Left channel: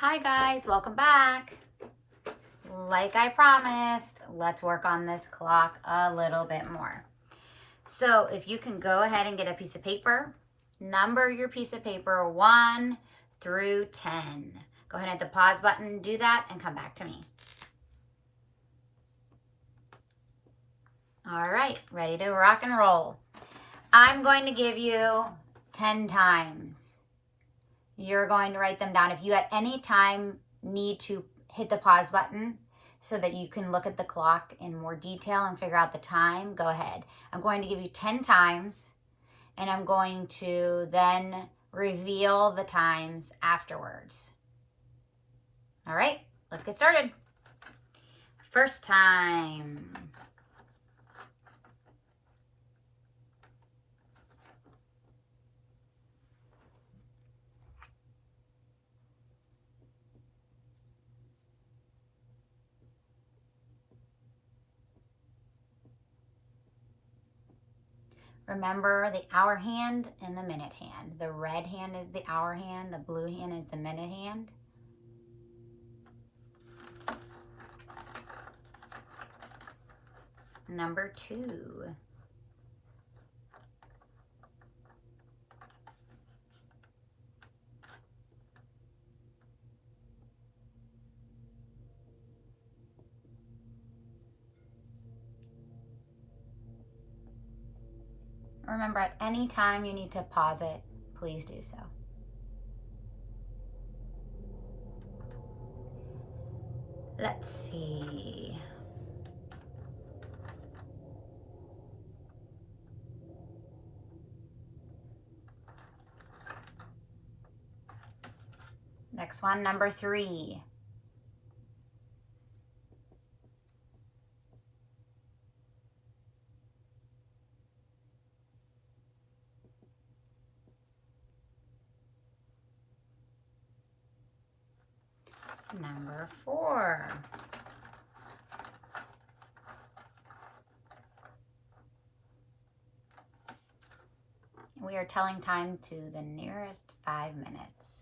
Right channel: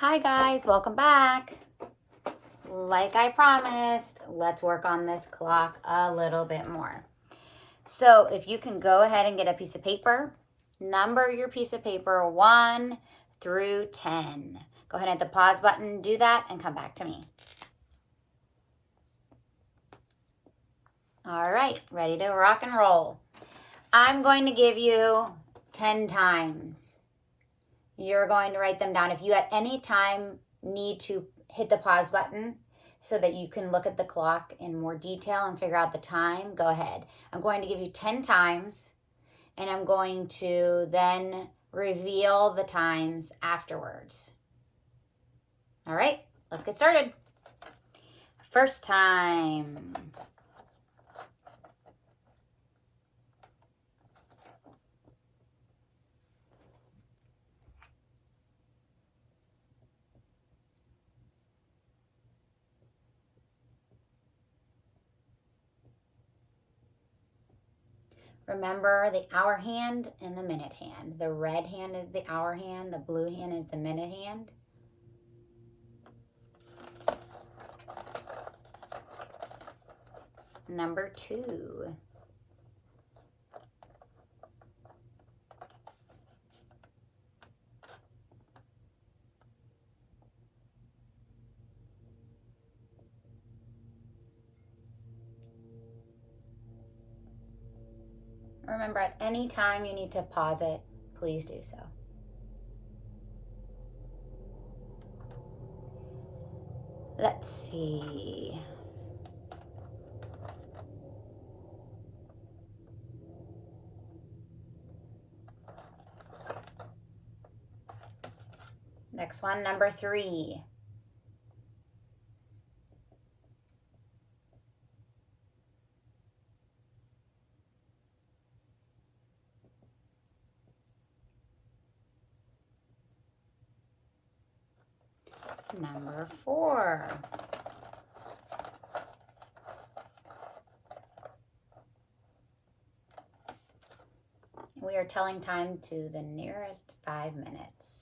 Hi guys, welcome back. Like I promised, let's work on this clock a little bit more. So if you can go ahead and get a piece of paper, number your piece of paper 1 through 10. Go ahead and hit the pause button, do that, and come back to me. All right, ready to rock and roll. I'm going to give you 10 times. You're going to write them down. If you at any time need to hit the pause button so that you can look at the clock in more detail and figure out the time, go ahead. I'm going to give you 10 times, and I'm going to then reveal the times afterwards. All right, let's get started. First time. Remember the hour hand and the minute hand. The red hand is the hour hand, the blue hand is the minute hand. Number 2. Remember, at any time you need to pause it, please do so. Let's see. Next one, number 3. Number 4. We are telling time to the nearest 5 minutes.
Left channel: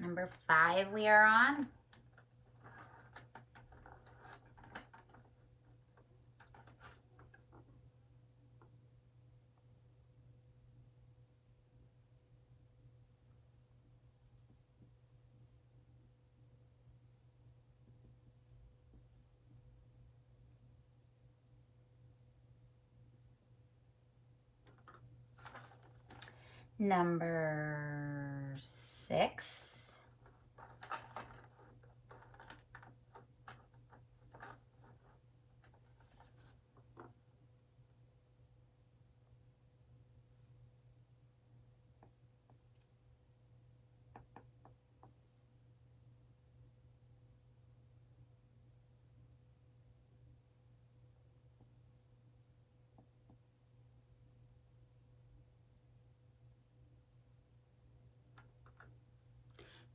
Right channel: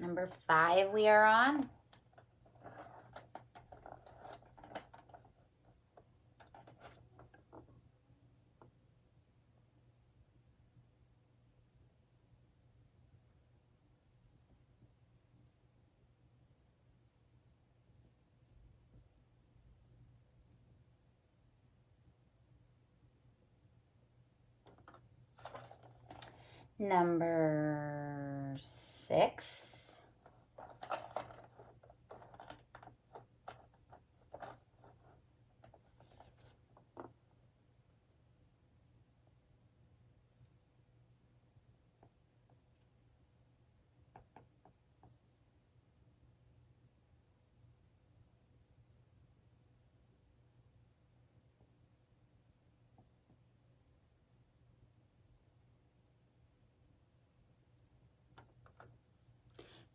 Number 5 we are on. Number 6.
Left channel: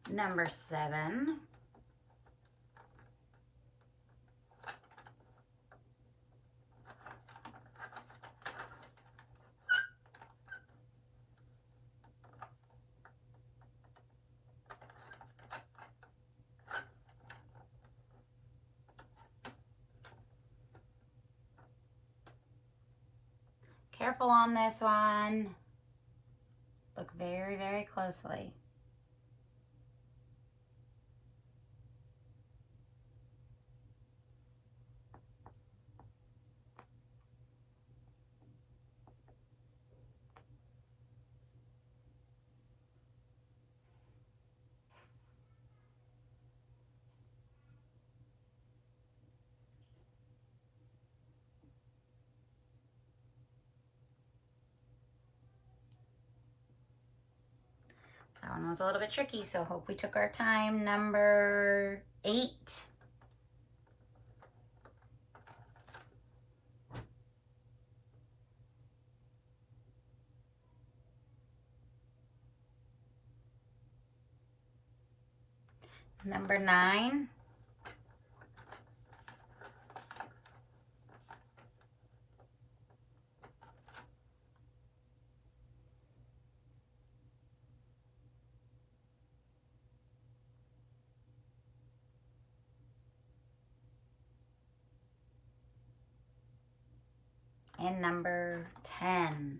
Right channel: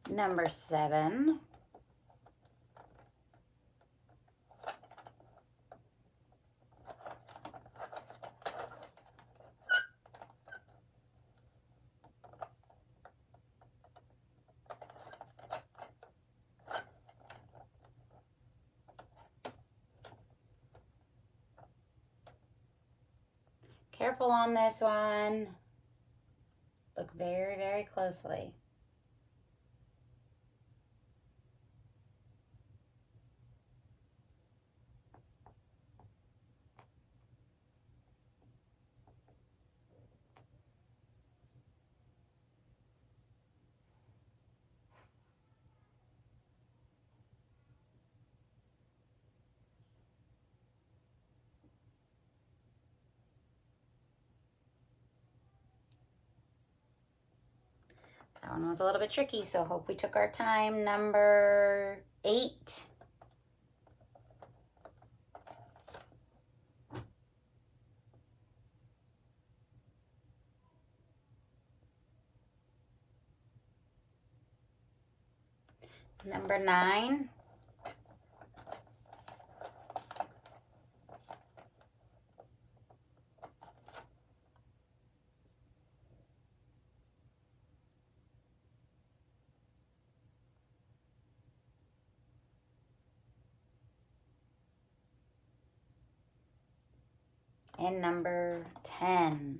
Number 7. Careful on this one. Look very, very closely. That one was a little bit tricky, so hope we took our time. Number 8. Number 9. And number 10.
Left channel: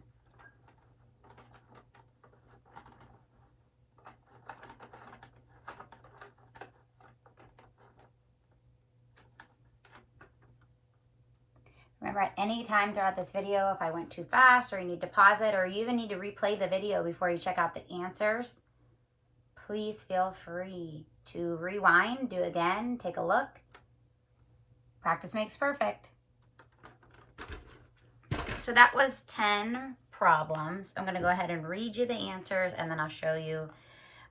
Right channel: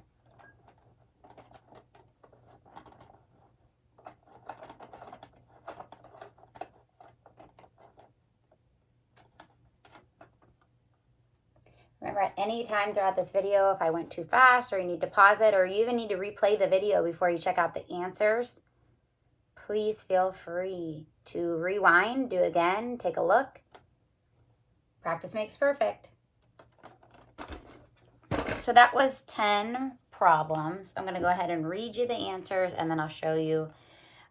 Remember, at any time throughout this video, if I went too fast or you need to pause it or you even need to replay the video before you check out the answers, please feel free to rewind, do again, take a look. Practice makes perfect. So that was 10 problems. I'm going to go ahead and read you the answers and then I'll show you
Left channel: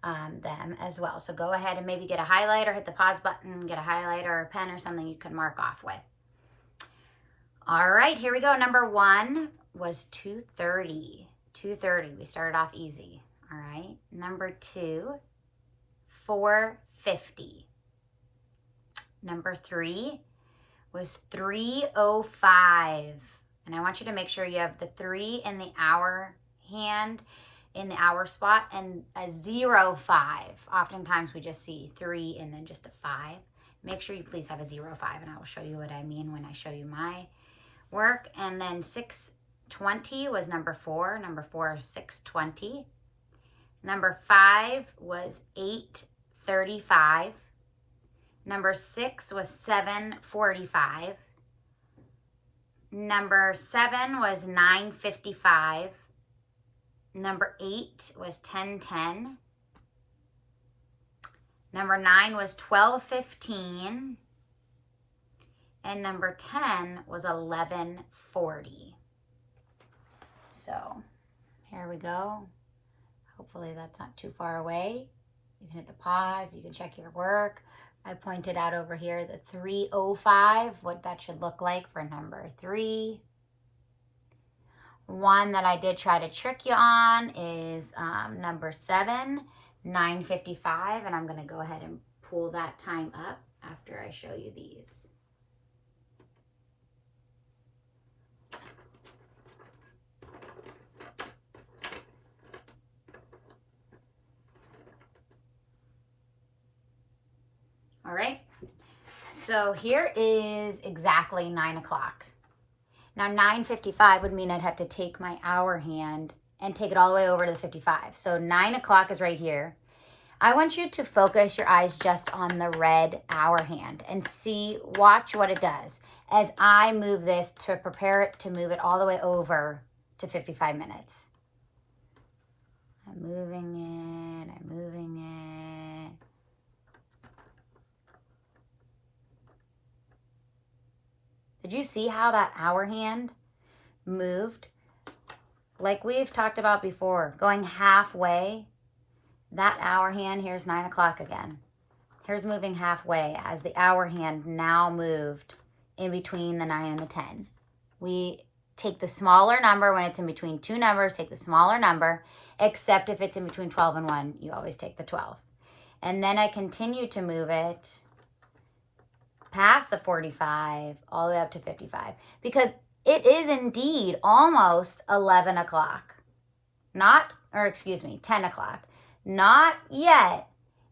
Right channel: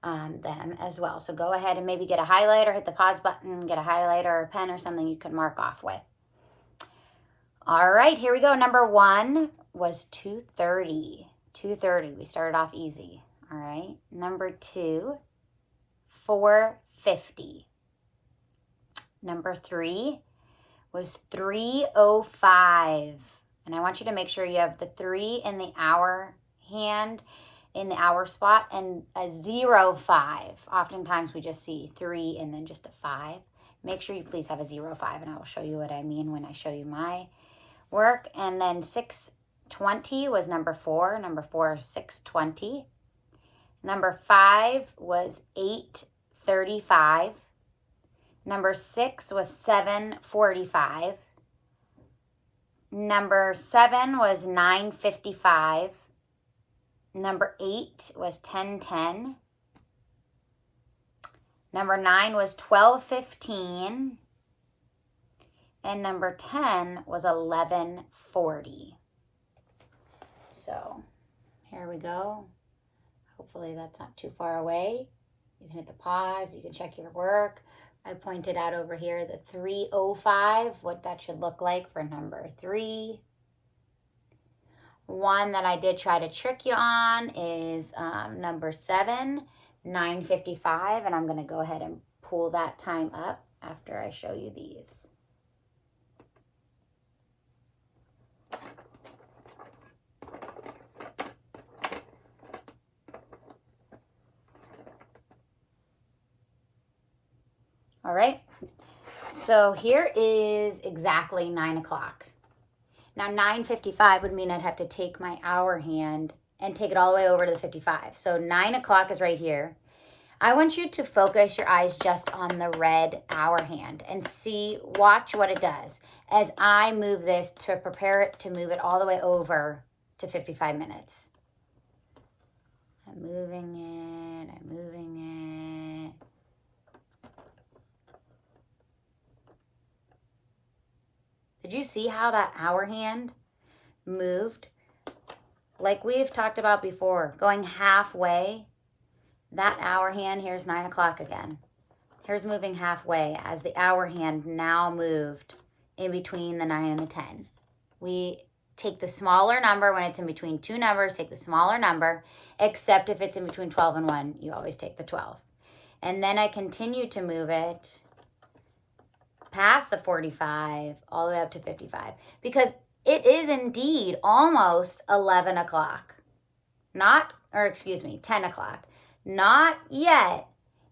them as well. So go ahead and maybe get a highlighter, hit the pause button, get a highlighter or a pen or something you can mark off with. All right, here we go. Number 1 was 2:30. 2:30. We started off easy. All right. Number 2, 4:50. Number 3 was 3:05. And I want you to make sure you have the 3 in the hour hand in the hour spot and a 0:05. Oftentimes we just see 3 and then just a 5. Make sure you please have a 0:05 and I will show you what I mean when I show you my work. And then 6:20 was number 4. Number 4 is 6:20. Number 5 was 8:35. Number 6 was 7:45. Number 7 was 9:55. Number 8 was 10:10. Number 9 was 12:15. And number 10 was 11:40. So here we go. Hopefully that's not too far away. You can hit the pause. You can check your work. I pointed out over here the 3:05, what that should look like for number 3. One that I did try to trick you on is number 7, 9:55, and I'm going to go ahead and pull that time up after I show you these. All right, so here is exactly 9 o'clock. Now 9:55 would mean I'd have to take my hour hand and take it all the way over to the 55. So 9 o'clock is right here. I want you to focus your eyes just on the red hour hand and watch what it does as I move this to prepare it to move it all the way over to 55 minutes. I'm moving it, I'm moving it. Did you see how that hour hand moved? Like we've talked about before, going halfway. That hour hand, here's 9 o'clock again. Here's moving halfway as the hour hand now moved in between the 9 and the 10. We take the smaller number when it's in between two numbers, take the smaller number, except if it's in between 12 and 1, you always take the 12. And then I continue to move it past the 45, all the way up to 55, because it is indeed almost 11 o'clock. 10 o'clock. Not yet.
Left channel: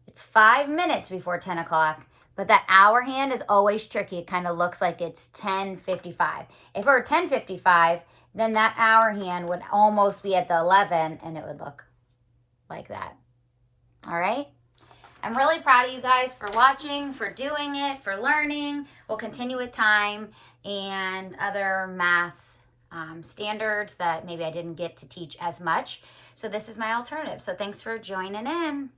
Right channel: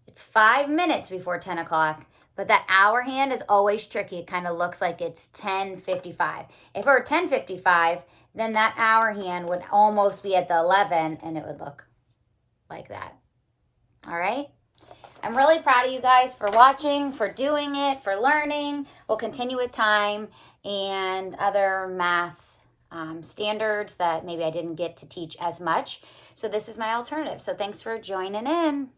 It's 5 minutes before 10 o'clock, but that hour hand is always tricky. It kind of looks like it's 10:55. If it were 10:55, then that hour hand would almost be at the 11, and it would look like that. All right? I'm really proud of you guys for watching, for doing it, for learning. We'll continue with time and other math standards that maybe I didn't get to teach as much. So this is my alternative. So thanks for joining in.